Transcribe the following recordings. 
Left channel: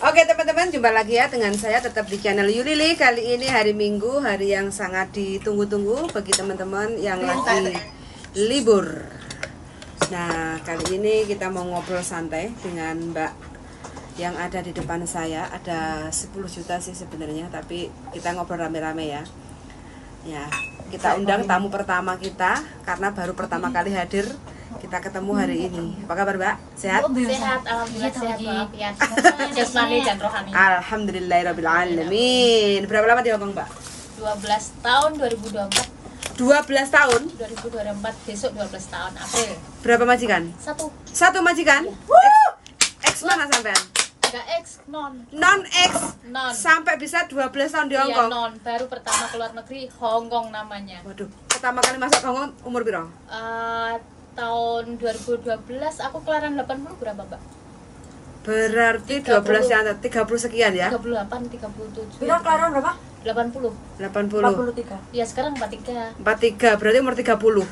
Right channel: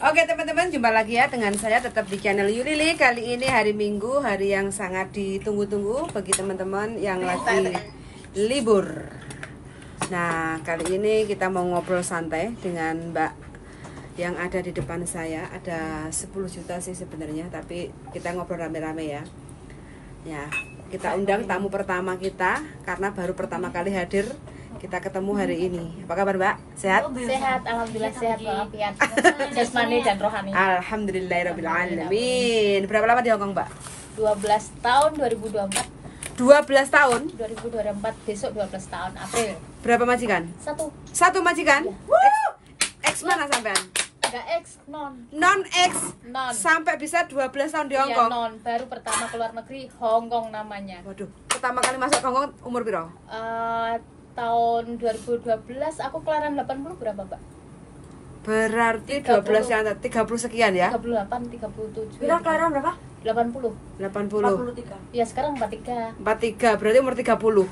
Oke teman-teman, jumpa lagi ya dengan saya tetap di channel Yulili. Kali ini hari Minggu, hari yang sangat ditunggu-tunggu bagi teman-teman yang lagi libur. Nah, kali ini kita mau ngobrol santai dengan Mbak yang ada di depan saya. Ada 10 juta sih sebenarnya, tapi kita ngobrol rame-rame ya. Ya, kita undang tamu pertama kita karena baru pertama kali hadir. Kita ketemu hari ini. Apa kabar Mbak? Sehat? Sehat, alhamdulillah sehat walafiat. Jasmani dan rohani. Alhamdulillahirobbilalamin. Berapa lama di Hongkong Mbak? 12 tahun 2024. 12 tahun? 2024 besok 12 tahun April. Berapa majikan? Satu majikan? X mana sampean? Enggak X, non. Non X. Non. Sampai bisa 12 tahun di Hongkong. Iya, non. Baru pertama keluar negeri Hongkong namanya. Waduh, pertama kali masuk Hongkong umur piro? Tahun 2012 aku kelahiran 80 berapa, Mbak? Berarti 12 yang 30 sekian ya? 38, 37. Kira kelahiran berapa? 80. 80. 43. Ya, sekarang 43. 43, berarti umur 30.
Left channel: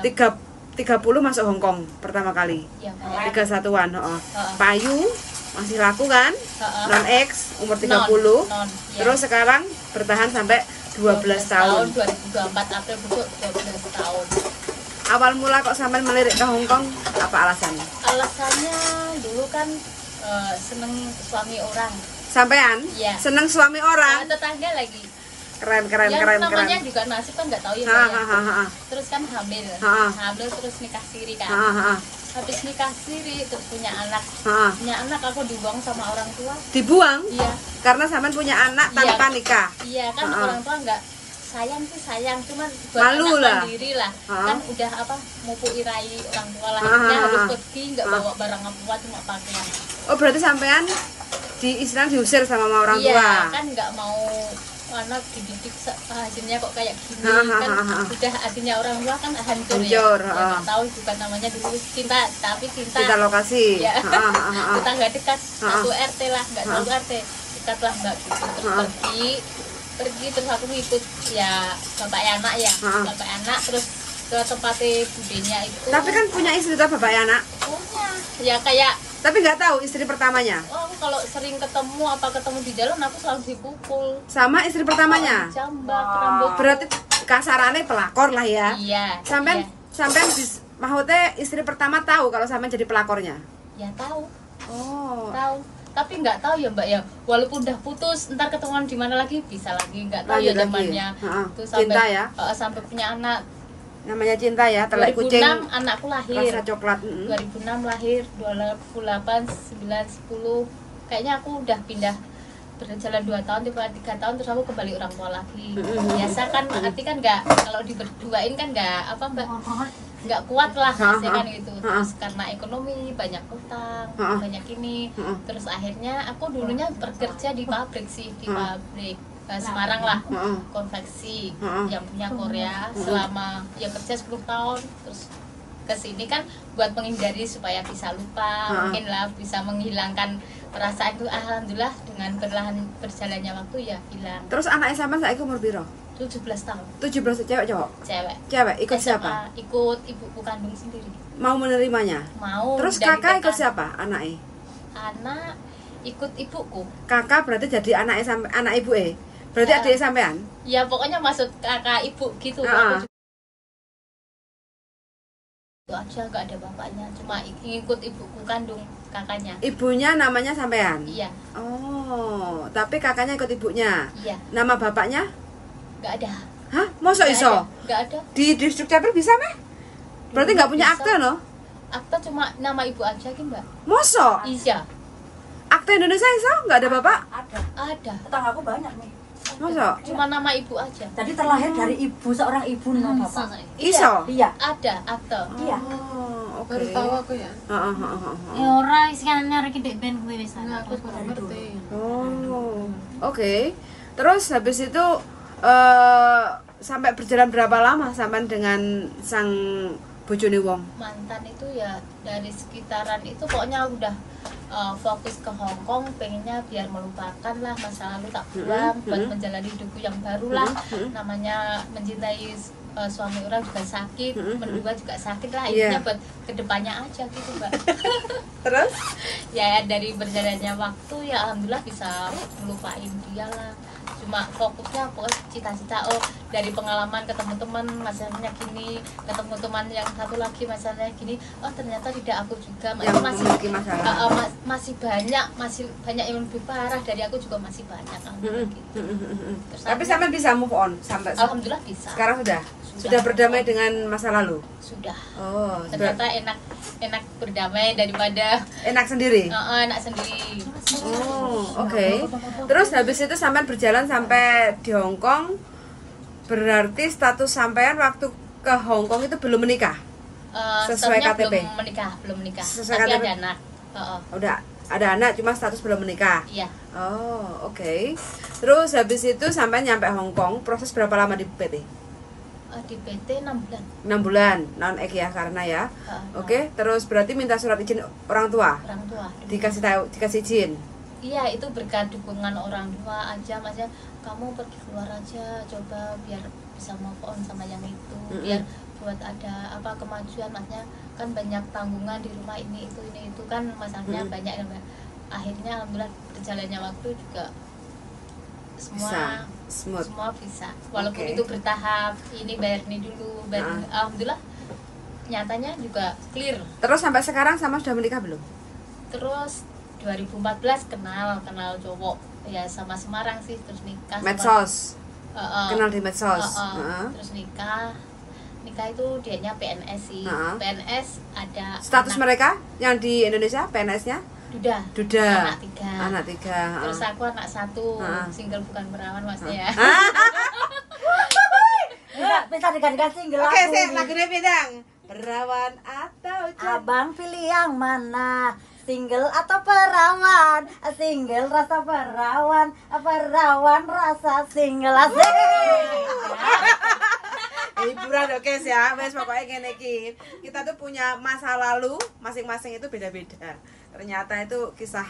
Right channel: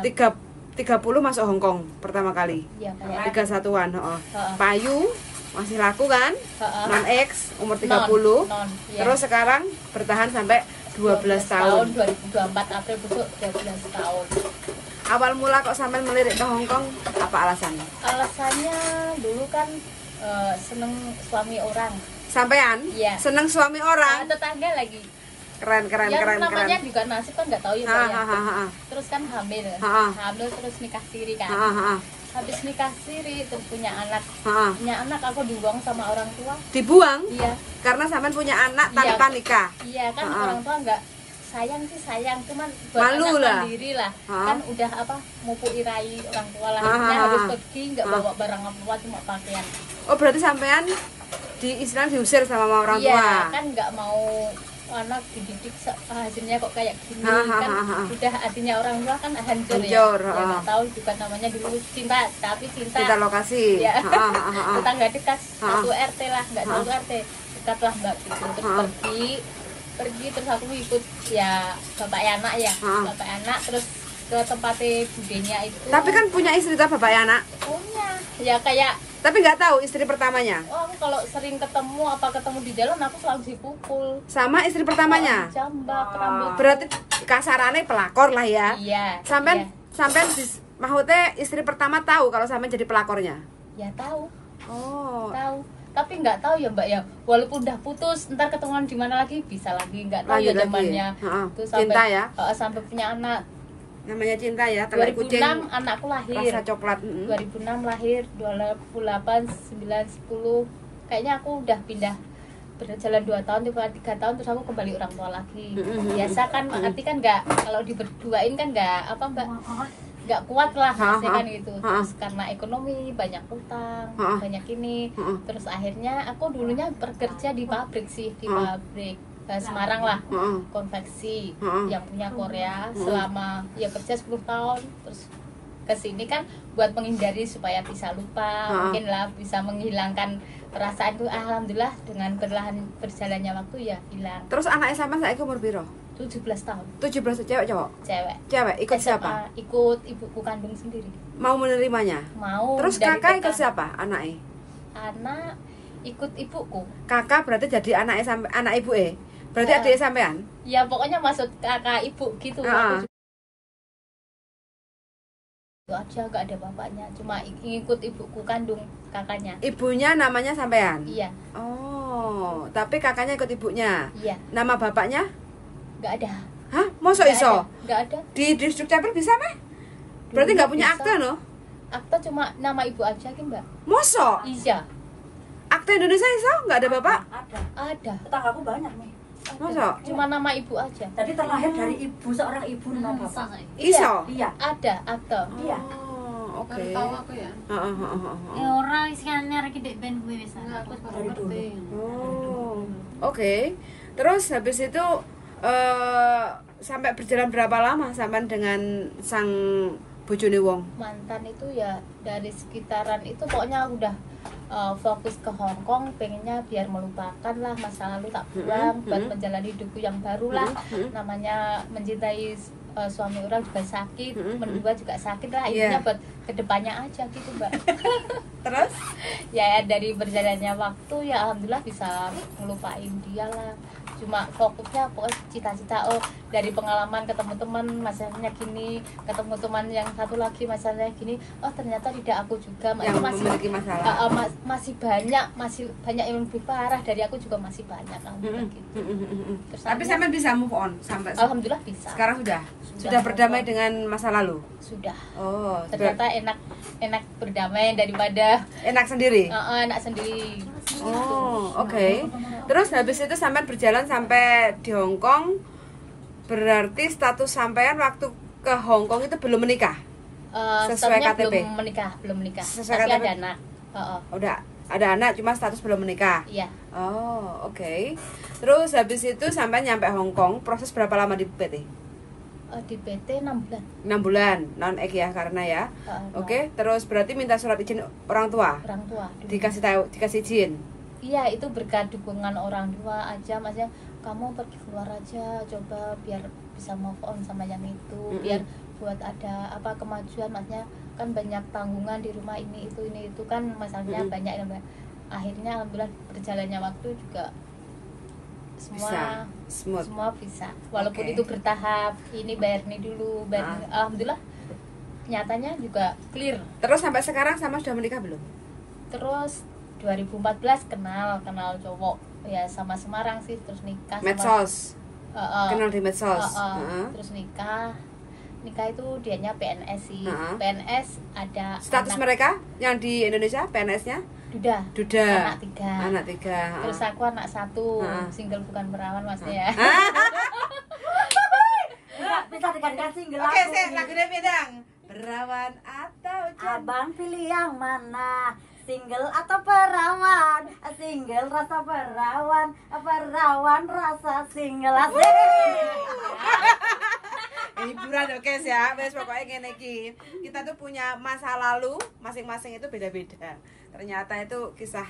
38. 30 masuk Hongkong pertama kali. Iya, 31-an, Payu masih laku kan? Non X umur 30. Non, ya. Terus sekarang bertahan sampai 12 tahun. 2024 April besok 12 tahun. Awal mula kok sampai melirik ke Hongkong, apa alasannya? Alasannya dulu kan seneng suami orang. Sampean? Iya. Seneng suami orang? Tetangga lagi. Keren. Namanya juga nasib kan nggak tahu ya. Mbak, ya. Terus kan hamil. Hamil terus nikah siri kan. Habis nikah siri terus punya anak. Punya anak aku dibuang sama orang tua. Dibuang? Iya. Karena sampean punya anak tanpa nikah. Iya kan orang tua nggak sayang sih sayang cuman malu lah sendiri lah kan udah mupuk irai orang tua lah harus pergi nggak bawa barang apa cuma pakaian. Oh berarti sampean diusir sama orang tua? Kan nggak mau dididik hasilnya kok kayak gini kan udah hatinya orang tua kan hancur ya tahu juga namanya dulu cinta tapi cinta lokasi. Tetangga dekat satu RT lah nggak satu RT dekat lah mbak gitu terus pergi terus aku ngikut ya bapak anak ya bapak anak terus ke tempatnya budenya itu. Tapi kan punya istri tak bapak anak? Punya ya kayak. Tapi nggak tahu istri pertamanya. Oh kalau sering ketemu di jalan aku selalu dipukul. Sama istri pertamanya? Jambak rambut. Berarti kasarannya pelakor lah ya? Iya. Sampean maksudnya istri pertama tahu kalau sampean jadi pelakornya? Ya tahu. Oh. Tahu. Tapi nggak tahu ya mbak ya walaupun udah putus ntar ketemuan di mana lagi bisa lagi nggak tahu lanjut ya zamannya cinta ya sampai punya anak namanya cinta ya telak 2006 kucing anakku lahir rasa coklat 2006 lahir 28 9 10 kayaknya aku udah pindah berjalan 2 tahun 3 tahun terus aku kembali orang tua lagi biasa kan arti kan nggak kalau diberduain kan nggak mbak nggak kuat lah kan gitu terus karena ekonomi banyak utang banyak ini terus akhirnya aku dulunya bekerja di pabrik sih di pabrik Semarang lah konveksi yang punya Korea selama ya kerja 10 tahun terus kesini kan buat menghindari supaya bisa lupa mungkin lah bisa menghilangkan perasaan itu alhamdulillah dengan berjalannya waktu ya hilang. Terus anaknya sampean saiki umur piro? 17 tahun. 17 cewek cowok? Cewek. Ikut siapa? Ikut ibuku kandung sendiri. Mau menerimanya? Mau. Terus kakak ikut siapa? Anaknya? Anak ikut ibuku. Kakak berarti jadi anak ibu berarti adik sampean? Ya pokoknya maksud kakak ibu gitu. Itu aja gak ada bapaknya, cuma ikut ibuku kandung kakaknya. Ibunya namanya sampean? Iya. Oh, tapi kakaknya ikut ibunya? Iya. Nama bapaknya? Gak ada. Hah? Masa iso? Gak ada. Di distrik Capil bisa meh? Berarti gak punya akte no? Akte cuma nama ibu aja kan mbak? Masa? Iya. Akte Indonesia iso? Gak ada bapak? Ada. Tetanggaku banyak nih. Masa? Cuma nama ibu aja. Tadi terlahir dari seorang ibu no bapak. Iso? Iya. Ada akte. Iya. Oke. Baru tahu aku ya. Ya ora wis kan nyari dek ben gue wis aku baru ngerti. Oh. Oke. Terus habis itu sampai berjalan berapa lama sampai dengan sang bojone wong? Mantan itu ya dari sekitaran itu pokoknya udah fokus ke Hongkong, pengennya biar melupakan lah masa lalu tak buang buat menjalani hidupku yang baru lah namanya mencintai suami orang juga sakit, berdua juga sakit lah, Iya. intinya buat kedepannya aja gitu Mbak. Terus? Ya dari berjalannya waktu ya alhamdulillah bisa ngelupain dia lah, cuma fokusnya pokoknya cita-cita dari pengalaman ketemu teman masalahnya gini, ketemu teman yang satu lagi masalahnya gini, ternyata tidak aku juga Yang memiliki masalah. masih banyak yang lebih parah dari aku juga masih banyak gitu. Terus Tapi sampai bisa move on sampai alhamdulillah bisa. sekarang sudah berdamai dengan masa lalu. Sudah. Oh, Ternyata enak berdamai daripada enak sendiri. anak sendiri. Oh, oke. Terus habis itu sampean berjalan sampai di Hong Kong. Berarti status sampean waktu ke Hong Kong itu belum menikah? Sesuai Statusnya KTP? belum menikah. Sesuai Tapi KTP? ada anak. Udah ada anak, cuma status belum menikah. Iya. Oh, oke. Terus habis itu sampai nyampe Hong Kong, proses berapa lama di PT? Di PT 6 bulan. 6 bulan, non-ek ya karena ya. Oke, terus berarti minta surat izin orang tua. Orang tua. Dikasih izin. Iya, itu berkat dukungan orang tua aja, maksudnya kamu pergi keluar aja, coba biar bisa move on sama yang itu, biar buat ada kemajuan, maksudnya kan banyak tanggungan di rumah ini itu kan masalahnya banyak ya Mbak. Akhirnya alhamdulillah berjalannya waktu juga Bisa smooth. semua bisa, walaupun Oke. itu bertahap, ini bayar ini dulu, alhamdulillah nyatanya juga clear. Terus sampai sekarang sama sudah menikah belum? Terus 2014 kenal cowok ya sama Semarang sih, terus nikah. Medsos. Kenal di medsos. Terus nikah itu dianya PNS sih. PNS ada Status mereka yang di Indonesia PNS-nya? Duda. Anak tiga. Terus aku anak 1, single bukan perawan maksudnya ya. Bisa digantikan single Oke, aku saya ini. lagunya bidang. Perawan atau Abang pilih yang mana? Single atau perawan? Single rasa perawan, perawan rasa single. Asik. hiburan oke ya, wes pokoknya ngene iki. Kita tuh punya masa lalu masing-masing itu beda-beda. Ternyata itu kisah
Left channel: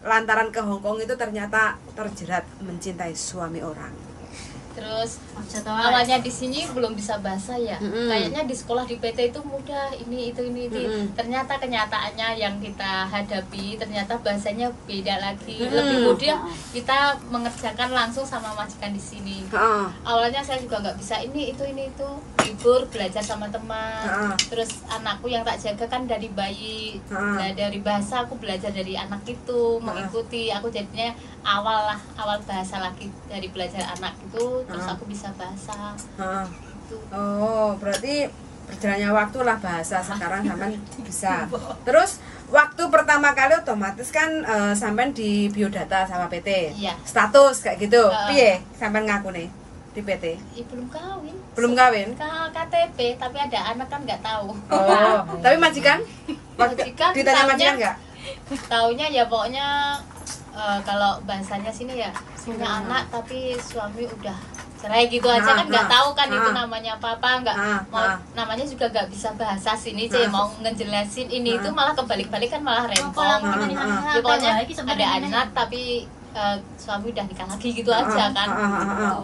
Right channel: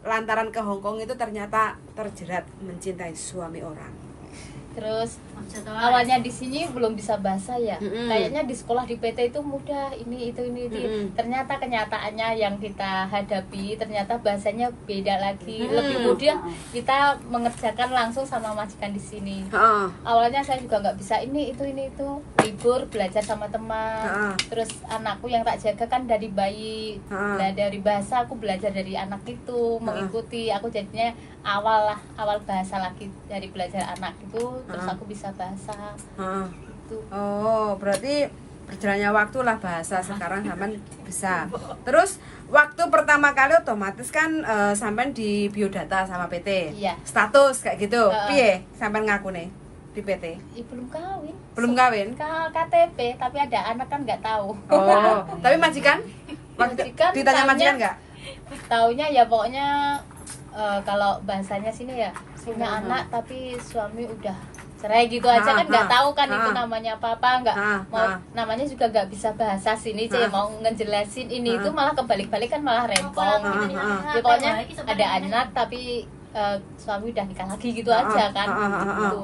lantaran ke Hong Kong itu ternyata terjerat mencintai suami orang. Terus awalnya di sini belum bisa bahasa ya. Kayaknya di sekolah di PT itu mudah, ini itu. Ternyata kenyataannya yang kita hadapi ternyata bahasanya beda lagi. Lebih mudah kita mengerjakan langsung sama majikan di sini. Awalnya saya juga nggak bisa ini itu. Libur belajar sama teman. Terus anakku yang tak jaga kan dari bayi. Nah, dari bahasa aku belajar dari anak itu, mengikuti. Aku jadinya awal bahasa lagi dari belajar anak itu. Terus aku bisa bahasa gitu. Oh, berarti berjalannya waktu lah bahasa sekarang sampean bisa. Terus waktu pertama kali otomatis kan sampean di biodata sama PT. Iya. Status kayak gitu. Piye sampean ngaku nih di PT? Belum kawin. Belum kawin? KTP tapi ada anak kan nggak tahu. Oh, tapi majikan? Majikan Ditanya taunya- majikan nggak? Taunya ya pokoknya kalau bahasanya sini ya punya anak tapi suami udah cerai gitu aja kan nggak tahu kan itu namanya apa nggak namanya juga nggak bisa bahasa sini sih mau ngejelasin ini itu malah kebalik-balik kan malah rempong. Ya, pokoknya ada anak tapi suami udah nikah lagi gitu aja kan. Gitu.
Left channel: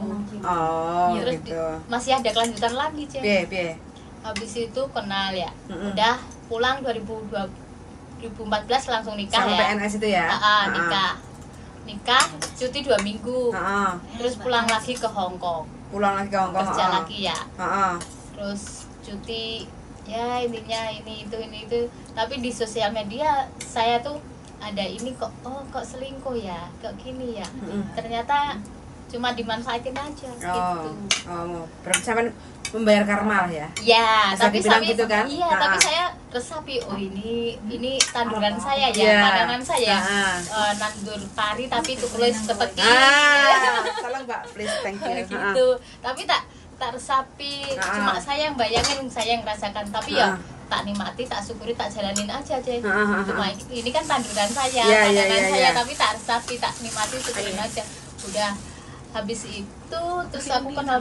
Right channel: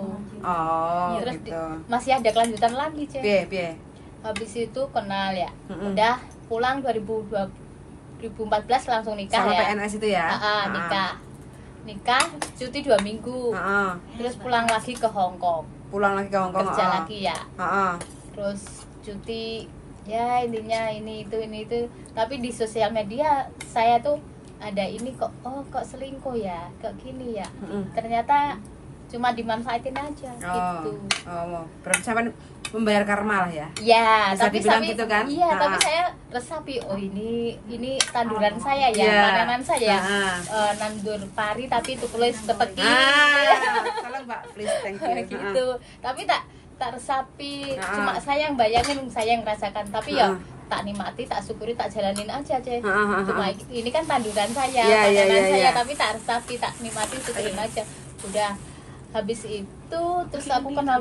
Oh, Terus gitu. masih ada kelanjutan lagi Cek. Piye? Habis itu kenal ya udah pulang 2014 langsung nikah Sama ya. PNS itu ya? Nikah cuti 2 minggu. Terus pulang lagi ke Hong Kong. Pulang lagi ke Hong Kong. Kerja lagi ya. Heeh. Terus cuti ya intinya ini itu. Tapi di sosial media saya tuh ada ini kok selingkuh ya, kok gini ya. Ternyata cuma dimanfaatin aja gitu. Oh, berarti sampean membayar karma lah ya? Ya, Bisa tapi dibilang gitu kan? Iya, tapi saya resapi ini tanduran saya ya, panenan saya. Nandur pari tapi itu perlu seperti salah Mbak, please, thank you. gitu. Tapi tak resapi, cuma saya yang bayangin, saya yang merasakan, tapi ya tak nikmati, tak syukuri, tak jalanin aja Cek. Cuma ini kan tanduran saya, saya, tapi tak resapi, tak nikmati, syukurin aja. Udah habis itu terus aku kenal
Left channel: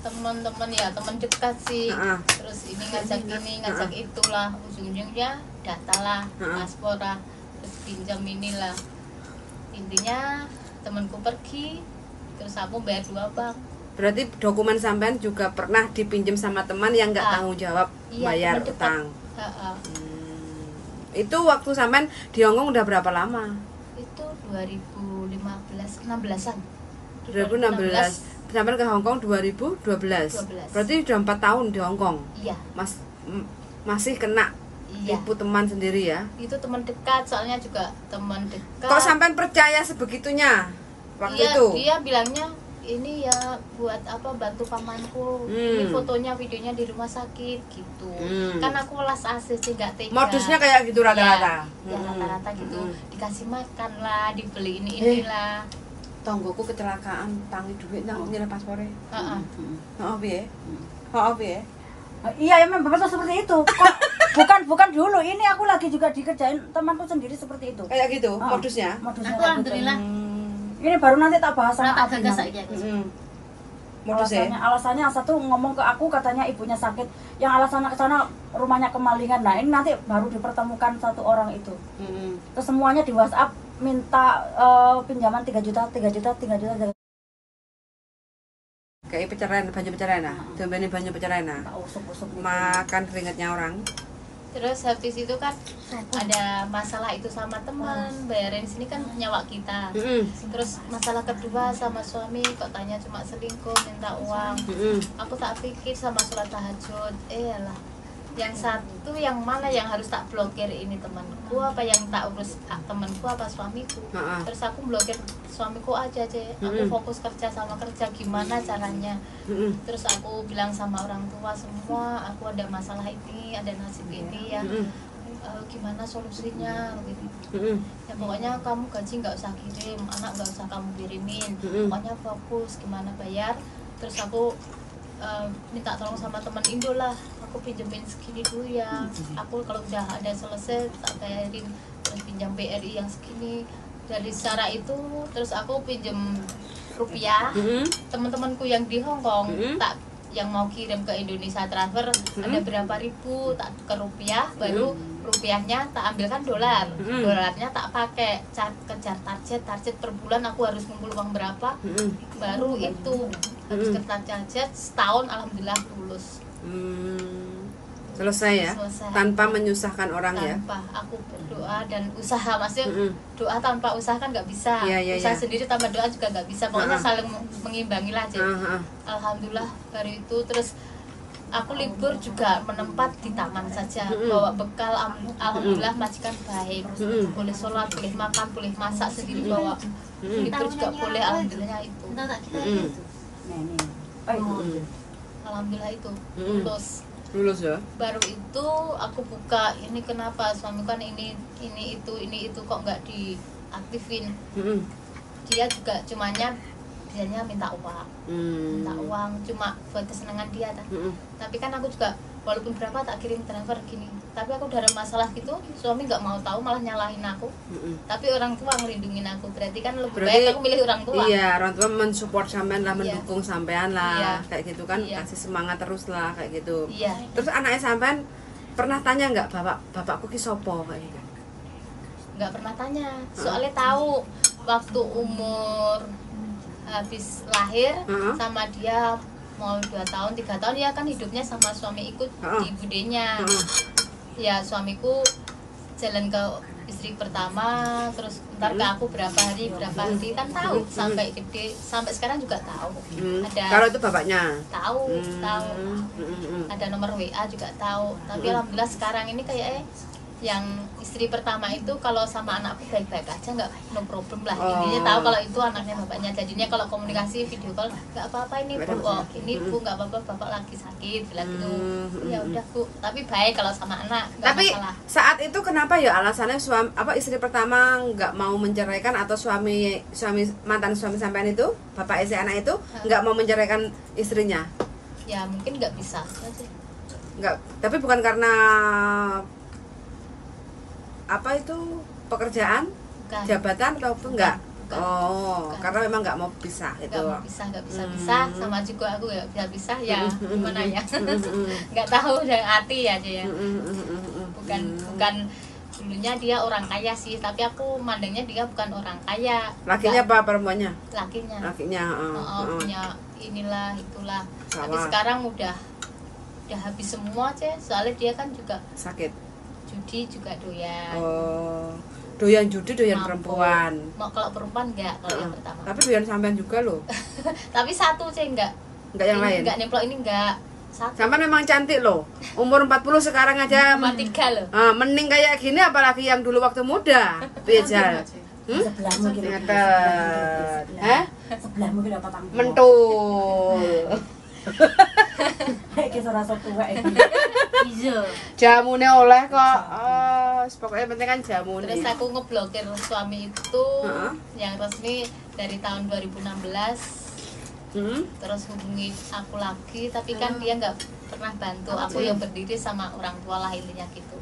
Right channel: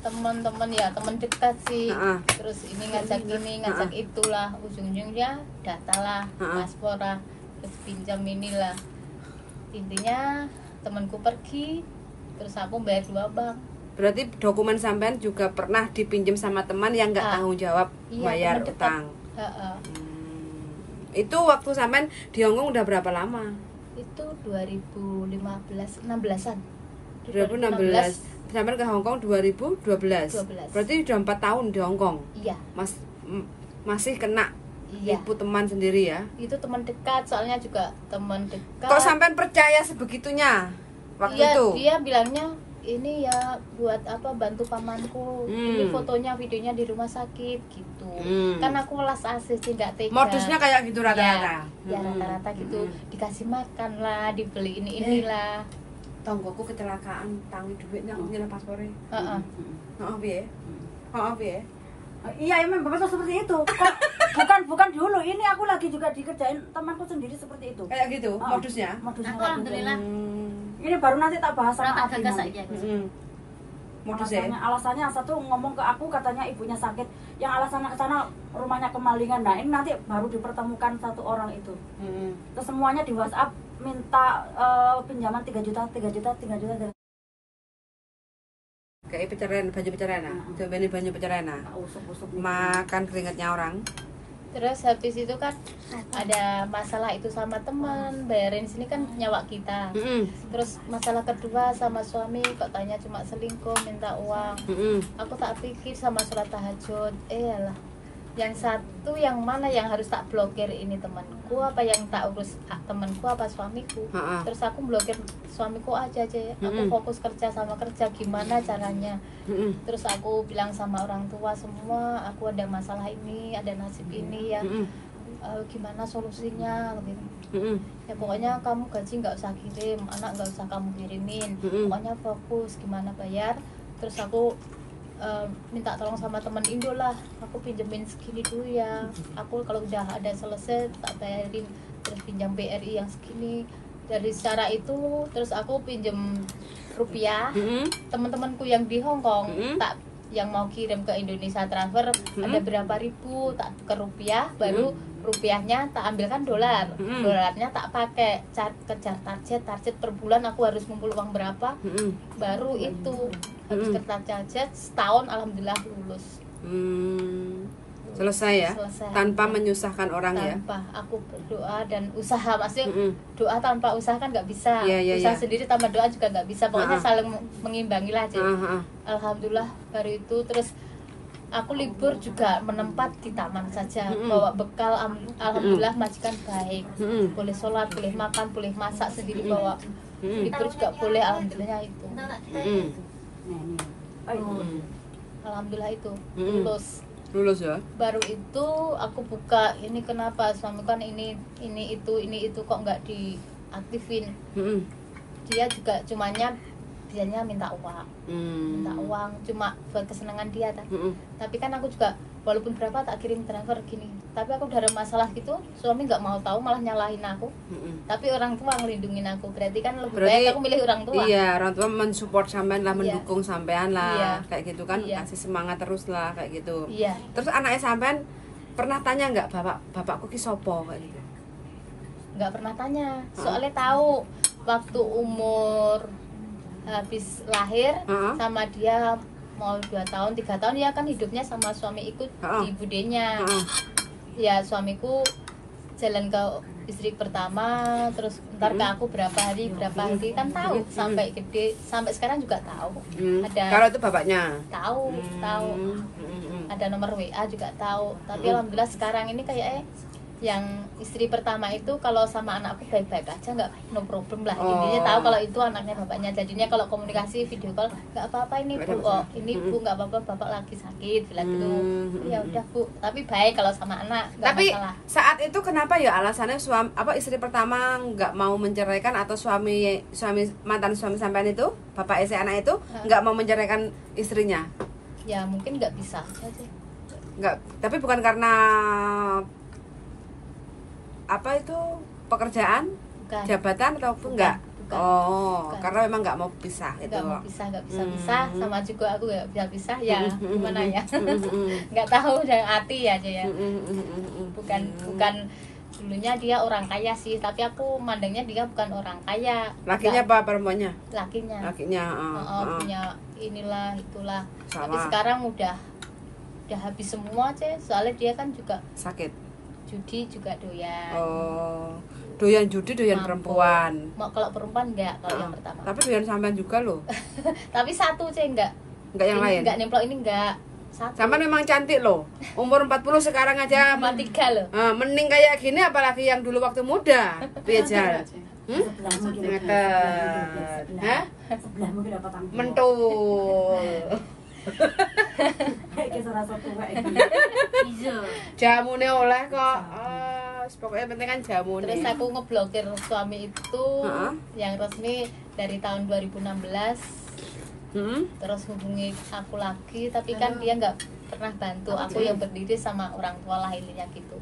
teman-teman ya, teman dekat sih. Terus ini ngajak itulah, ujung-ujungnya data lah, paspor lah, terus pinjam inilah. Intinya temanku pergi, terus aku bayar 2 bank. Berarti dokumen sampean juga pernah dipinjam sama teman yang nggak tanggung jawab bayar teman dekat. utang. Itu waktu sampean di Hongkong udah berapa lama? Itu 2015 16-an. 2016. Sampean ke Hongkong 2012. 12. Berarti udah 4 tahun di Hongkong. Iya. Masih kena tipu teman sendiri ya? Itu teman dekat, soalnya juga teman dekat. Kok sampean percaya sebegitunya waktu itu? Dia bilangnya ini ya buat apa, bantu pamanku. Ini fotonya, videonya di rumah sakit gitu. Kan aku melas ACC nggak tega. Modusnya kayak gitu rata-rata. Ya rata-rata gitu. Dikasih makan lah, dibeli inilah. Tonggoku kecelakaan, tangi duit nang nyerah paspore. Heeh. Piye? Piye? Iya, emang bapak tuh seperti itu. Bukan dulu, ini aku lagi juga dikerjain temanku sendiri seperti itu. Kayak gitu modusnya. Modusnya Aku kayak gitu. alhamdulillah Ini baru nanti tak bahas sama rata Abi gagas nanti. saja. Modusnya. Alasannya yang satu ngomong ke aku katanya ibunya sakit, yang alasannya ke sana rumahnya kemalingan. Nah, ini nanti baru dipertemukan satu orang itu. Terus semuanya di WhatsApp minta pinjaman 3 juta. Kayak pencerahan, baju pencerahan nah. Coba baju pencerahan nah. Makan keringatnya orang. Terus habis itu kan ada masalah itu sama teman, bayarin sini kan nyawa kita. Terus masalah kedua sama suami, kok tanya cuma selingkuh, minta uang. Aku tak pikir sama surat tahajud. Alah, yang satu yang mana yang harus tak blokir, ini temanku apa yang tak urus temanku apa suamiku. Terus aku blokir suamiku aja. Aku fokus kerja sama kerja, gimana caranya. Terus aku bilang sama orang tua semua, aku ada masalah ini, ada nasib ini ya. Gimana solusinya gitu. Ya pokoknya kamu gaji nggak usah kirim, anak nggak usah kamu kirimin. Pokoknya fokus gimana bayar. Terus aku minta tolong sama teman Indo lah, aku pinjemin segini dulu ya, aku kalau udah ada selesai tak bayarin, terus pinjam BRI yang segini. Dari cara itu terus aku pinjem rupiah. Teman-temanku yang di Hongkong tak yang mau kirim ke Indonesia transfer ada berapa ribu, tak ke rupiah, baru rupiahnya tak ambilkan dolar. Dolarnya tak pakai, kejar target per bulan aku harus ngumpul uang berapa. Baru itu habis kejar target setahun alhamdulillah lulus. Selesai ya? Selesai. Tanpa menyusahkan orang ya? Tanpa, aku berdoa dan usaha, maksudnya doa tanpa usaha kan nggak bisa. Usaha sendiri tanpa doa juga nggak bisa, pokoknya saling mengimbangi lah. Alhamdulillah baru itu. Terus aku libur juga menempat di taman saja, bawa bekal. Alhamdulillah majikan baik, boleh sholat, boleh makan, boleh masak sendiri bawa. Libur juga boleh, alhamdulillah itu. Alhamdulillah itu lulus ya. Baru itu aku buka, ini kenapa suami kan ini itu kok nggak diaktifin. Dia juga biasanya minta uang cuma buat kesenangan dia kan. Tapi kan aku juga walaupun berapa tak kirim transfer gini, tapi aku udah ada masalah gitu, suami nggak mau tahu, malah nyalahin aku. Tapi orang tua ngelindungin aku, berarti kan lebih baik aku milih orang tua. Iya, orang tua mensupport sampean lah, mendukung sampean lah, kayak gitu kan, kasih semangat terus lah kayak gitu. Terus anaknya sampean pernah tanya nggak bapakku ki sopo kayak gitu? Nggak pernah tanya, soalnya tahu waktu umur habis lahir sama dia mau 2 tahun 3 tahun ya kan hidupnya sama suami ikut di budenya. Ya suamiku jalan ke istri pertama, terus ntar ke aku berapa hari kan tahu sampai gede, sampai sekarang juga tahu. Ada kalau itu bapaknya tahu ada nomor WA juga tahu. Tapi alhamdulillah sekarang ini kayak yang istri pertama itu kalau sama anakku baik-baik aja, nggak, no problem lah. Intinya tahu kalau itu anaknya bapaknya, jadinya kalau komunikasi video call nggak apa-apa, ini bu, ini bu nggak apa-apa, bapak lagi sakit bilang gitu. Ya udah bu, tapi baik kalau sama anak. Tapi masalah. Saat itu kenapa ya alasannya istri pertama nggak mau menceraikan, atau mantan suami sampean itu, bapak istri anak itu nggak mau menceraikan istrinya? Ya mungkin nggak bisa aja. Nggak, tapi bukan karena apa itu pekerjaan, bukan. Jabatan ataupun enggak? Bukan. Karena memang nggak mau pisah itu. Nggak bisa, sama juga aku nggak bisa ya, gimana ya? Nggak tahu yang hati aja ya. Bukan dulunya dia orang kaya sih, tapi aku mandangnya dia bukan orang kaya. Lakinya apa perempuannya? Lakinya. Punya inilah itulah. Tapi Sawah. sekarang udah habis semua aja, soalnya dia kan juga Sakit. judi juga doyan. Oh, doyan judi, doyan Mampu. perempuan. Mau kalau perempuan enggak kalau yang pertama. Tapi doyan sampean juga loh. Tapi satu sih enggak. Enggak yang Ini lain. Enggak nemplok ini enggak. Satu. Sampean memang cantik loh. Umur 40 sekarang aja. Cuma 3 loh. Mending kayak gini apalagi yang dulu waktu muda. Piye Jal? Sebelahmu gini. Ngeten. Hah? Sebelahmu gini dapat tanggung. Mentul. Kayak rasa tua ini. Izo. Jamune oleh kok. Oh, pokoknya penting kan jamune. Terus aku ngeblokir suami itu Heeh. yang resmi dari tahun 2016. Terus hubungi aku lagi, tapi kan dia nggak pernah bantu aku yang berdiri sama orang tua lah intinya gitu.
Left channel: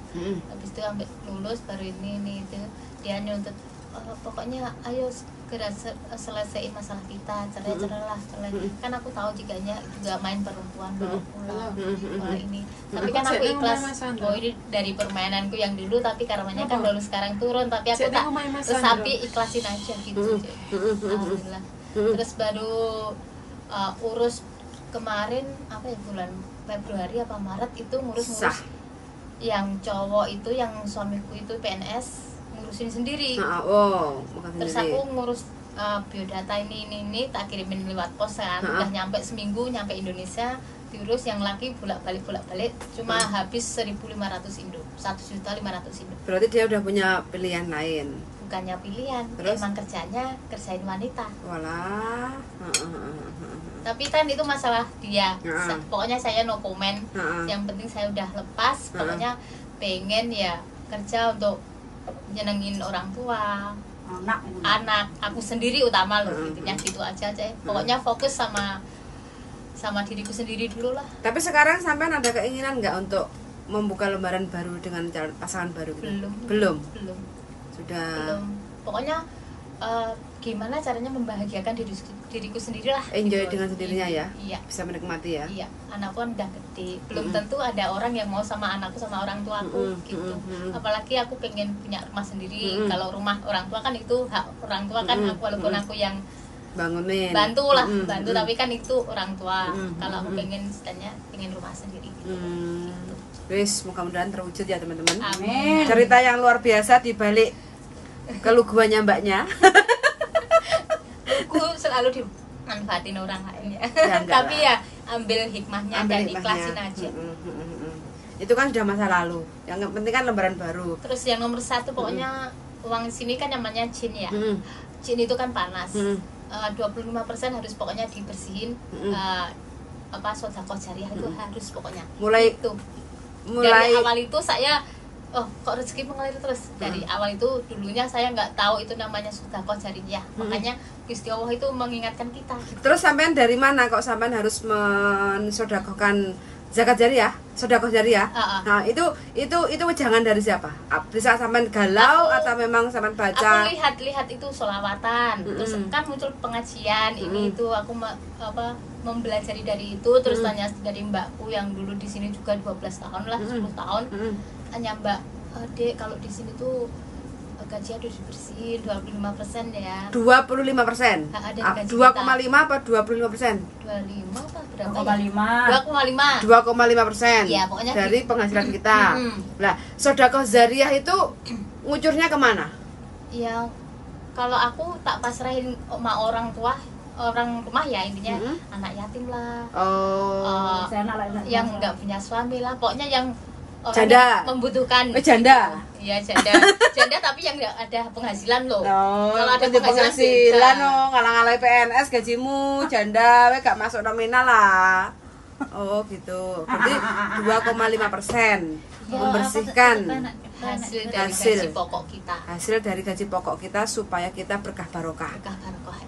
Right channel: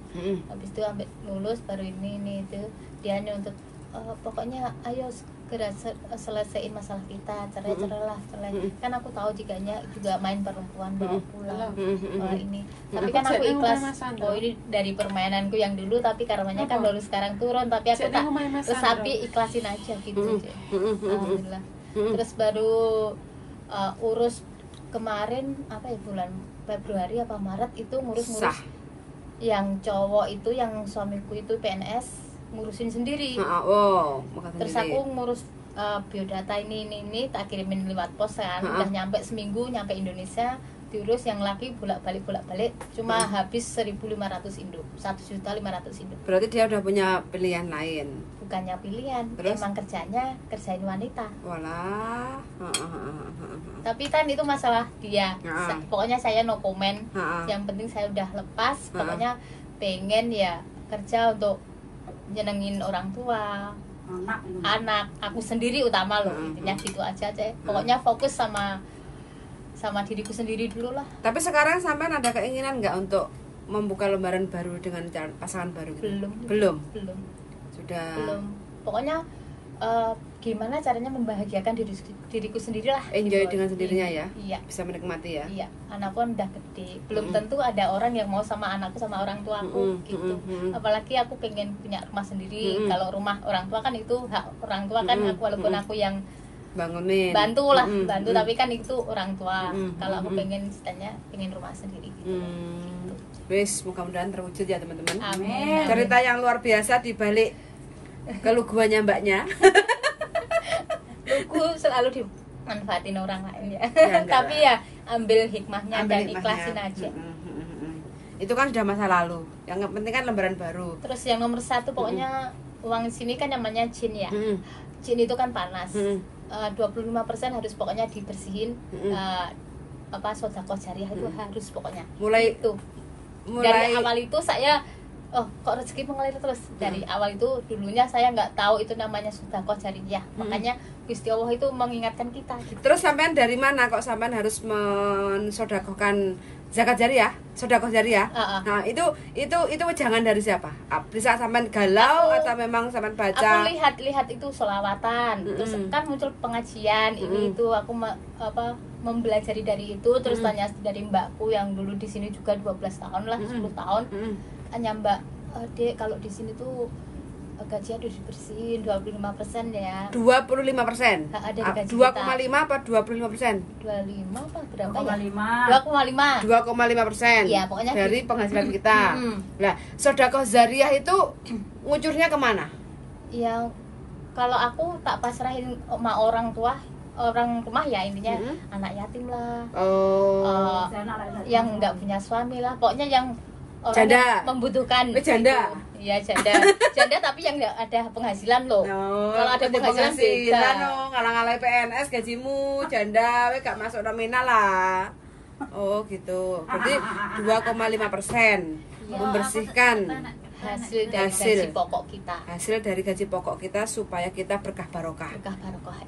Habis itu sampai lulus baru ini itu dia nuntut pokoknya ayo segera selesaiin masalah kita, cerai. Kan aku tahu juga main perempuan pulang ini, tapi kan aku ikhlas. Ini dari permainanku yang dulu, tapi karenanya kan baru sekarang turun, tapi aku tak terus tapi ikhlasin aja gitu. Alhamdulillah. Terus baru urus kemarin apa ya, bulan Februari apa Maret itu ngurus yang cowok itu, yang suamiku itu PNS, ngurusin sendiri. Terus aku ngurus biodata ini tak kirimin lewat pos kan. Udah nyampe seminggu nyampe Indonesia, diurus. Yang laki bolak-balik cuma habis 1.500 Indo, 1.500.000 Indo. Berarti dia udah punya pilihan lain. Bukannya pilihan, terus? emang kerjain wanita. Walah. Tapi kan itu masalah dia. Pokoknya saya no comment. Yang penting saya udah lepas. Pokoknya pengen ya kerja untuk nyenengin orang tua, anak aku sendiri utama loh, intinya gitu aja. Pokoknya fokus sama diriku sendiri dulu lah. Tapi sekarang sampean ada keinginan nggak untuk membuka lembaran baru dengan pasangan baru gitu? Belum. Sudah. Pokoknya gimana caranya membahagiakan diriku sendiri lah. Enjoy gitu. dengan sendirinya ya. Iya. Bisa menikmati ya. Iya. Anakku udah gede. Belum tentu ada orang yang mau sama anakku sama orang tua aku gitu. Apalagi aku pengen punya rumah sendiri. Kalau rumah orang tua kan itu hak orang tua kan. Walaupun aku yang bangunin, bantu, tapi kan itu orang tua. Kalau aku pengen istilahnya pengen rumah sendiri gitu. Wis, mudah-mudahan terwujud ya teman-teman. Amin. Cerita yang luar biasa di balik keluguannya mbaknya. Aku selalu dimanfaatin orang lain ya. Tapi lah. ya ambil hikmahnya dan ikhlasin aja. Itu kan sudah masa lalu. Yang penting kan lembaran baru. Terus yang nomor 1 pokoknya uang di sini kan namanya jin ya. Jin itu kan panas. 25% harus pokoknya dibersihin. Sedekah jariah itu harus pokoknya. Dari awal itu saya kok rezeki mengalir terus. Dari awal itu dulunya saya nggak tahu itu namanya sedekah jariah. Makanya Gusti Allah itu mengingatkan kita. Terus sampean dari mana kok sampean harus mensedekahkan zakat jariah, sedekah jariah? Nah, itu jangan dari siapa? Bisa sampean galau atau memang sampean baca? Aku lihat itu sholawatan. Terus kan muncul pengajian ini itu aku mempelajari dari itu. Terus tanya dari mbakku yang dulu di sini juga 12 tahun lah, 10 tahun. Tanya mbak, Dek kalau di sini tuh gaji udah dibersihin 25% ya. 25%? 2,5 apa 25%? 25 apa berapa? 2,5. 2,5%. Ya, pokoknya dari gitu. penghasilan kita. Nah, sedekah jariah itu ngucurnya kemana? Ya, kalau aku tak pasrahin sama orang rumah ya intinya anak yatim lah. Yang nggak punya suami lah. Pokoknya yang orang janda membutuhkan. Janda. Iya janda. Janda tapi yang nggak ada penghasilan loh. Kalau ada penghasilan ngalang-alai PNS gajimu janda we gak masuk nominal lah. Oh gitu. Berarti 2,5% membersihkan hasil dari gaji pokok kita. Hasil dari gaji pokok kita supaya kita berkah barokah.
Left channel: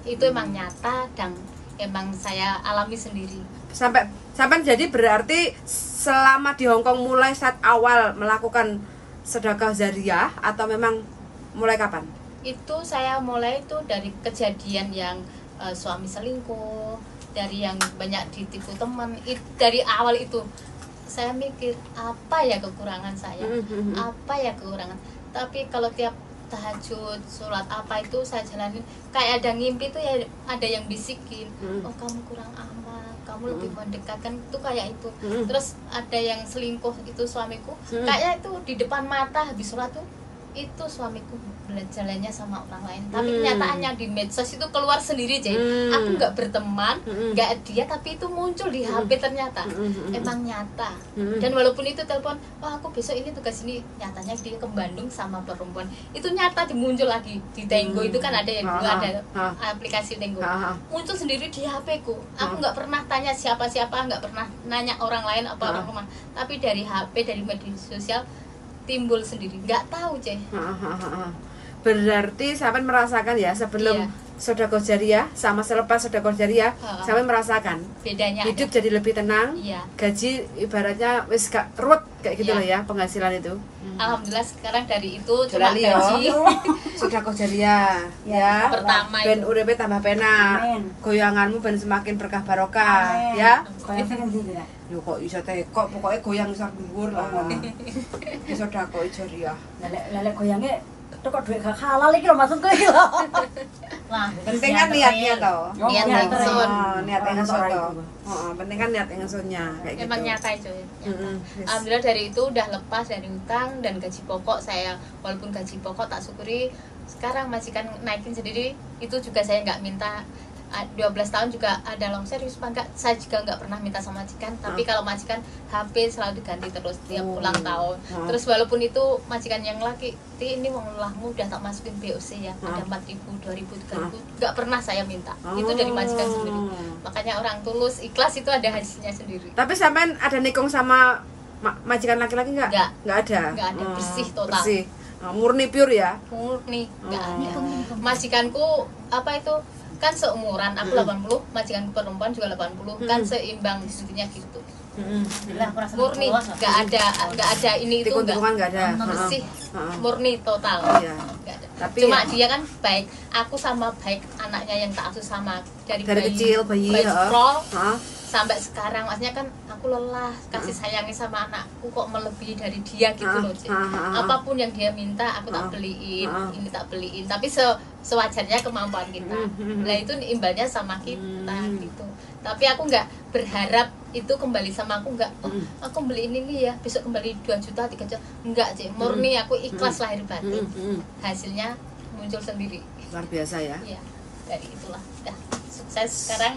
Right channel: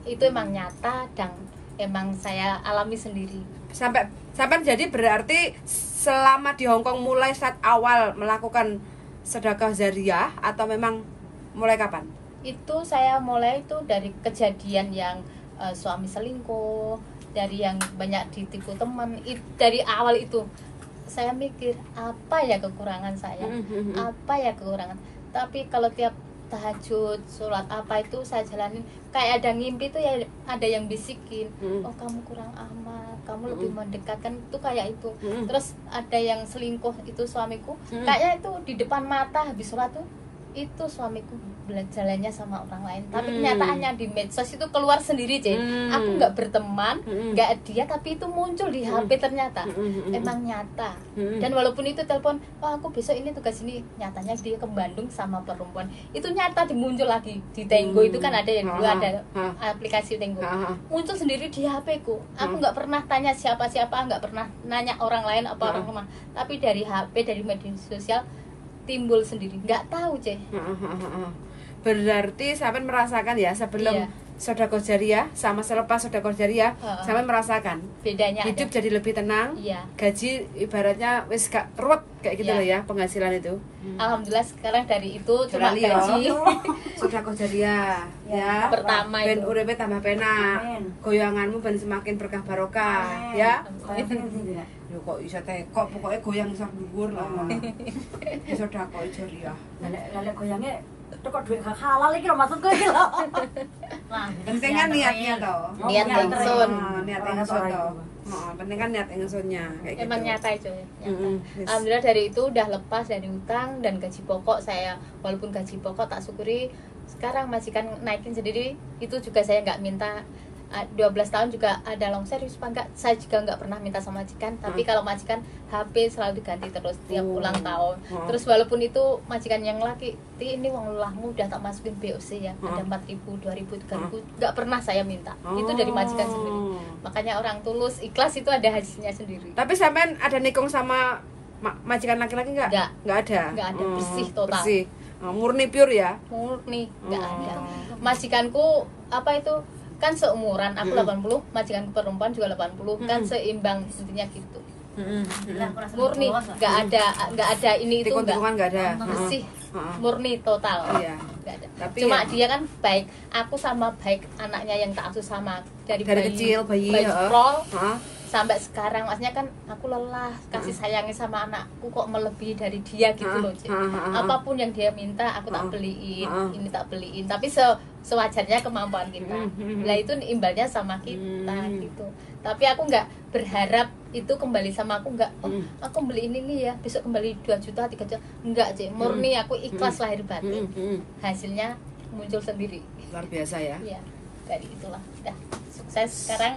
Itu emang nyata dan emang saya alami sendiri. Sampai jadi berarti selama di Hongkong mulai saat awal melakukan sedekah jariah atau memang mulai kapan? Itu saya mulai itu dari kejadian yang suami selingkuh, dari yang banyak ditipu teman. Dari awal itu saya mikir apa ya kekurangan saya, apa ya kekurangan. Tapi kalau tiap tahajud, sholat apa itu saya jalanin. Kayak ada ngimpi tuh ya, ada yang bisikin, oh kamu kurang amal, kamu lebih mendekatkan itu kayak itu. Terus ada yang selingkuh itu suamiku, kayaknya itu di depan mata habis sholat tuh itu suamiku jalannya sama orang lain, tapi kenyataannya di medsos itu keluar sendiri aja. Aku nggak berteman, nggak dia, tapi itu muncul di HP ternyata emang nyata. Dan walaupun itu telepon, oh aku besok ini tugas ini, nyatanya dia ke Bandung sama perempuan itu nyata dimuncul lagi di Tenggo. Itu kan ada yang dulu ada aplikasi Tenggo, muncul sendiri di HP ku. Aku nggak pernah tanya siapa-siapa, nggak pernah nanya orang lain apa rumah, tapi dari HP, dari media sosial timbul sendiri, nggak tahu Berarti sampean merasakan ya sebelum sedekah jariah sama selepas sedekah jariah, sampean merasakan bedanya hidup ada. jadi lebih tenang, gaji ibaratnya wis gak ruwet kayak gitu loh ya, penghasilan itu. Alhamdulillah sekarang dari itu cuma gaji sedekah jariah ya. Pertama ben itu uripe tambah penak, goyanganmu ben semakin berkah barokah ya. Yo kok iso kok pokoknya goyang sak dhuwur lah. Iso sedekah jariah. Lelek goyange kok duit gak halal iki lho maksudku iki lho. Lah, Penting kan niatnya toh. Niat ingsun. Niat ingsun toh. Heeh, penting kan niat ingsunnya kayak gitu. emang nyata itu ya. Alhamdulillah dari itu udah lepas dari hutang dan gaji pokok saya, walaupun gaji pokok tak syukuri sekarang majikan naikin sendiri, itu juga saya nggak minta. 12 tahun juga ada longsor, serius apa enggak, saya juga nggak pernah minta sama majikan. Tapi kalau majikan HP selalu diganti terus tiap ulang tahun. Terus walaupun itu majikan yang laki, ini uang ulahmu udah tak masukin BOC ya, ada 4.000, 2.000, 3.000, nggak pernah saya minta. Itu dari majikan sendiri. Makanya orang tulus ikhlas itu ada hasilnya sendiri. Tapi sampean ada nikung sama majikan laki-laki nggak? Nggak ada. Nggak ada, bersih total. Bersih. Murni pure ya. Murni nggak ada. Majikanku apa itu kan seumuran, aku 80, majikan perempuan juga 80, kan seimbang intinya gitu. Murni nggak ada ini itu Tikung-tikungan nggak ada. bersih, murni total. Iya. Nggak ada. Tapi Cuma ya, dia kan baik, aku sama baik anaknya yang tak asuh sama dari kecil bayi scroll heeh. sampai sekarang, maksudnya kan aku lelah kasih sayangnya sama anakku kok melebihi dari dia gitu loh. Apapun yang dia minta aku tak beliin, ini tak beliin, tapi sewajarnya kemampuan kita. Nah itu imbasnya sama kita gitu. Tapi aku nggak berharap itu kembali sama aku, nggak aku beliin ini ya besok kembali 2 juta 3 juta, enggak sih, murni aku ikhlas lahir batin. Hasilnya muncul sendiri. Luar biasa ya. Iya, dari itulah udah sukses sekarang.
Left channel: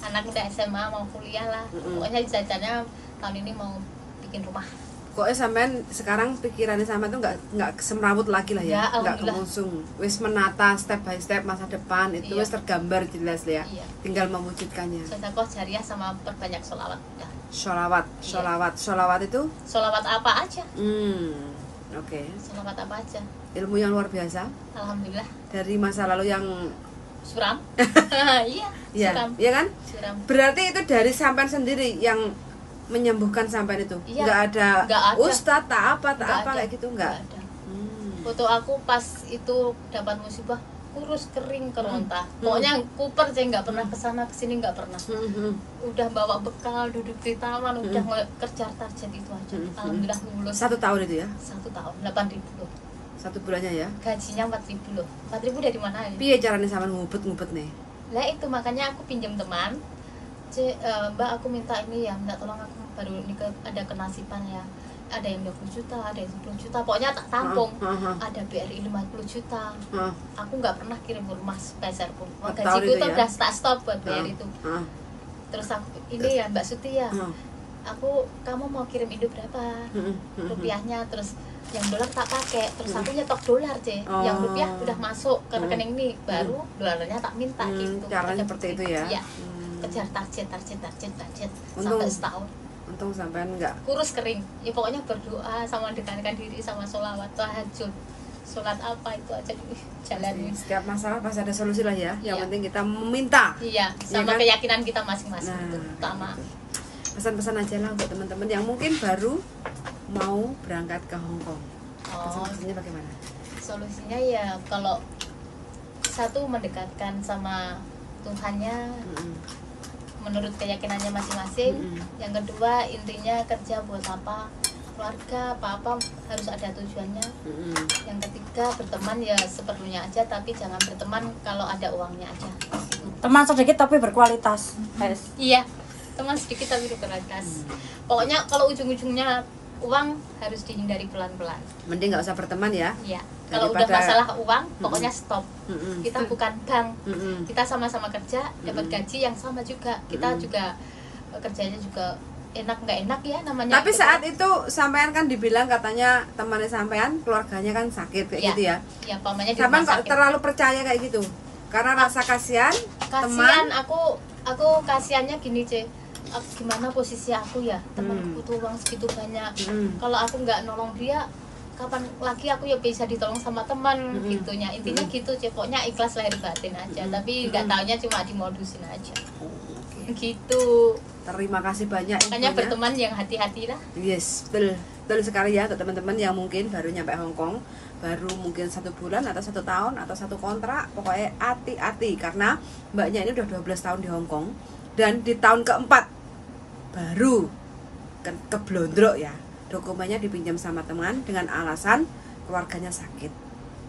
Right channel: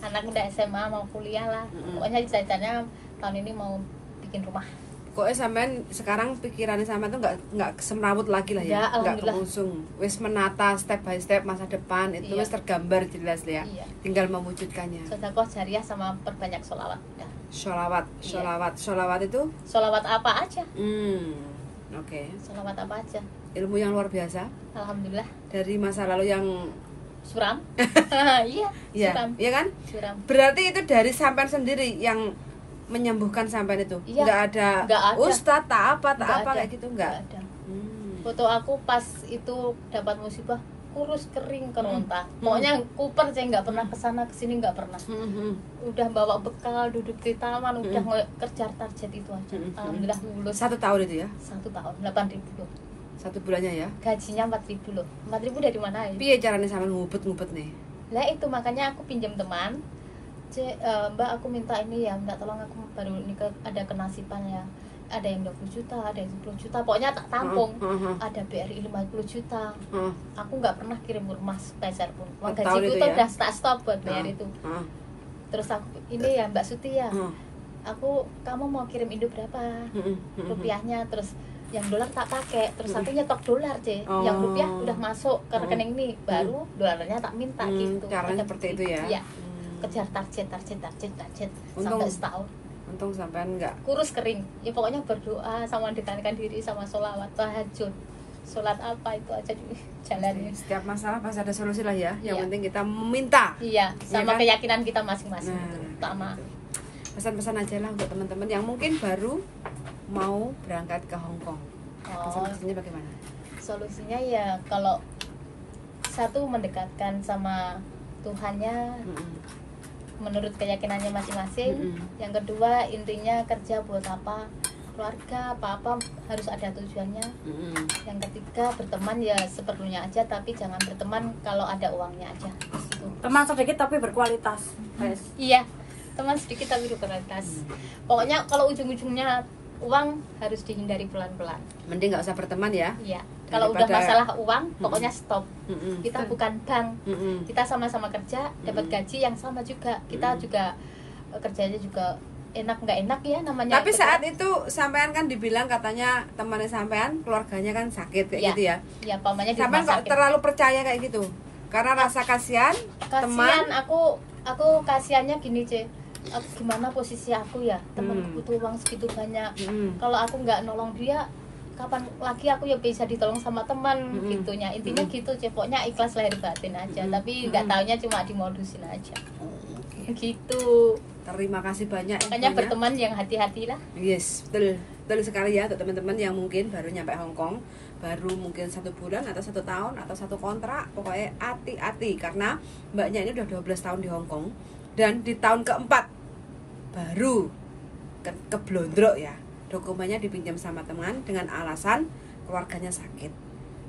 Anak udah SMA mau kuliah lah. Pokoknya cita-citanya tahun ini mau bikin rumah. Pokoknya sampean sekarang pikirannya sama tuh nggak semrawut lagi lah ya, nggak kemusung. Wis menata step by step masa depan itu wis tergambar jelas ya. Tinggal mewujudkannya. Sedekah jariah sama perbanyak sholawat. Sholawat itu? Sholawat apa aja? Oke. Sholawat apa aja? Ilmu yang luar biasa. Alhamdulillah. Dari masa lalu yang suram. Iya. Iya kan? Suram. Berarti itu dari sampean sendiri yang menyembuhkan sampean itu. Nggak ada ustadz tak apa kayak gitu nggak ada. Foto aku pas itu dapat musibah kurus kering keronta. Pokoknya kuper aja, nggak pernah kesana kesini, nggak pernah. Udah bawa bekal, duduk di taman, udah kejar target itu aja. Alhamdulillah lulus. 1 tahun itu ya? 1 tahun 8.000 loh. 1 bulannya ya? Gajinya 4.000 loh. 4.000 dari mana ya? Piye caranya sama ngubet nih? Nah itu makanya aku pinjam teman. Mbak aku minta ini ya, minta tolong aku baru nikah, ada kenasiban ya. Ada yang 20 juta, ada yang 10 juta. Pokoknya tak tampung. Ada BRI 50 juta. Aku nggak pernah kirim ke emas peser pun. Gajiku itu udah stop buat bayar itu. Terus aku ini ya Mbak Suti ya. Kamu mau kirim Indo berapa? Rupiahnya, terus yang dolar tak pakai, terus aku nyetok dolar yang rupiah udah masuk ke rekening ini, baru dolarnya tak minta gitu. Caranya seperti itu ya? Iya. Kejar target sampai setahun. Untung sampean enggak kurus kering. Ya pokoknya berdoa sama mendekatkan diri sama sholawat, tahajud, sholat apa itu aja jalanin. Setiap masalah pasti ada solusi lah ya. Yang penting kita meminta. Iya, sama keyakinan kita masing-masing. Utama. Pesan-pesan aja lah untuk teman-teman yang mungkin baru mau berangkat ke Hong Kong. Pesan-pesannya bagaimana? Solusinya ya kalau satu mendekatkan sama Tuhannya menurut keyakinannya masing-masing. Yang kedua intinya kerja buat apa? keluarga apa harus ada tujuannya. Yang ketiga berteman ya seperlunya aja, tapi jangan berteman kalau ada uangnya aja. Teman sedikit tapi berkualitas. Iya, teman sedikit tapi berkualitas. Pokoknya kalau ujung-ujungnya uang harus dihindari pelan-pelan. Mending nggak usah berteman ya. Iya. Kalau udah masalah uang, pokoknya stop. Kita bukan bank. Kita sama-sama kerja, dapat gaji yang sama juga. Kita juga kerjanya juga enak nggak enak ya namanya. Tapi saat itu sampean kan dibilang katanya temannya sampean keluarganya kan sakit kayak gitu ya. Iya, pamannya di Sampean rumah kok sakit. terlalu percaya kayak gitu? Karena rasa kasihan teman. Aku kasihannya gini, Ce. Gimana posisi aku ya? Temanku butuh uang segitu banyak. Kalau aku nggak nolong dia, kapan lagi aku ya bisa ditolong sama teman gitunya. Intinya gitu, Ce. Pokoknya ikhlas lahir batin aja. Tapi nggak taunya cuma dimodusin aja. Gitu. Terima kasih banyak Makanya infonya. berteman yang hati-hati lah. Yes, betul sekali ya untuk teman-teman yang mungkin baru nyampe Hong Kong, baru mungkin 1 bulan atau 1 tahun atau 1 kontrak. Pokoknya hati-hati karena mbaknya ini udah 12 tahun di Hong Kong dan di tahun keempat baru keblondrok ya, dokumennya dipinjam sama teman dengan alasan keluarganya sakit.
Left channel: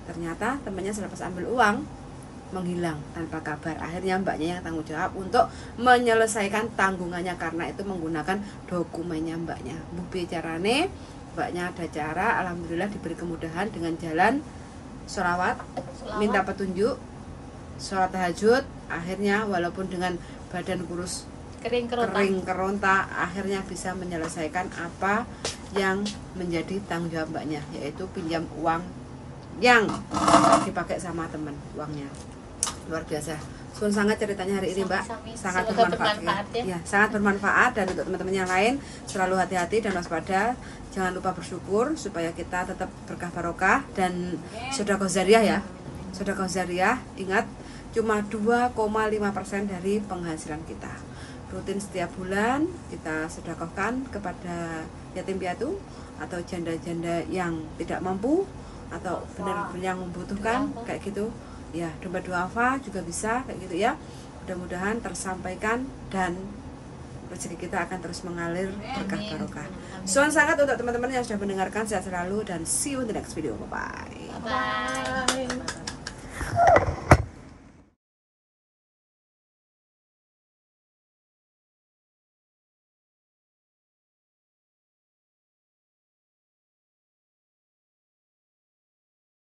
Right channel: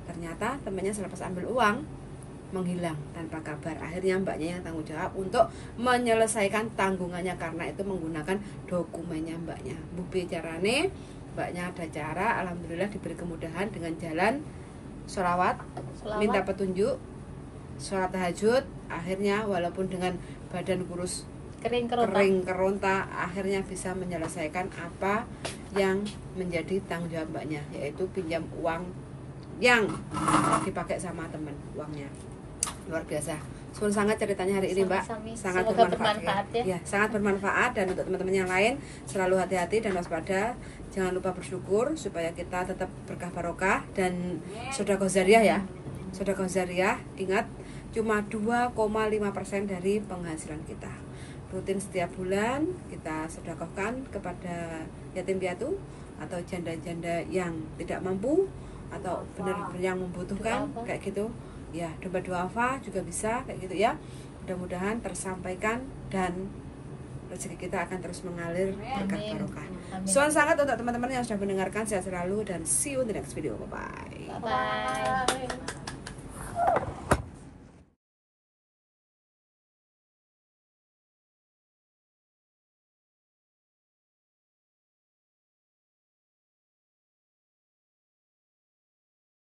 Ternyata temannya selepas ambil uang menghilang tanpa kabar. Akhirnya mbaknya yang tanggung jawab untuk menyelesaikan tanggungannya karena itu menggunakan dokumennya mbaknya. Bukti carane mbaknya ada cara, alhamdulillah diberi kemudahan dengan jalan sholawat, minta petunjuk, sholat tahajud. Akhirnya walaupun dengan badan kurus kering keronta, akhirnya bisa menyelesaikan apa yang menjadi tanggung jawab mbaknya, yaitu pinjam uang yang dipakai sama teman uangnya. Luar biasa. Suun sangat ceritanya hari ini Mbak, sangat bermanfaat ya. Sangat bermanfaat. Dan untuk teman-teman yang lain selalu hati-hati dan waspada. Jangan lupa bersyukur supaya kita tetap berkah barokah dan sedekah jariah ya. Sedekah jariah, ingat cuma 2,5% dari penghasilan kita. Rutin setiap bulan kita sedekahkan kepada yatim piatu atau janda-janda yang tidak mampu atau benar-benar yang membutuhkan kayak gitu ya. Dompet duafa juga bisa kayak gitu ya. Mudah-mudahan tersampaikan dan rezeki kita akan terus mengalir berkah barokah. Suun sangat untuk teman-teman yang sudah mendengarkan. Sehat selalu dan see you in the next video. Bye bye.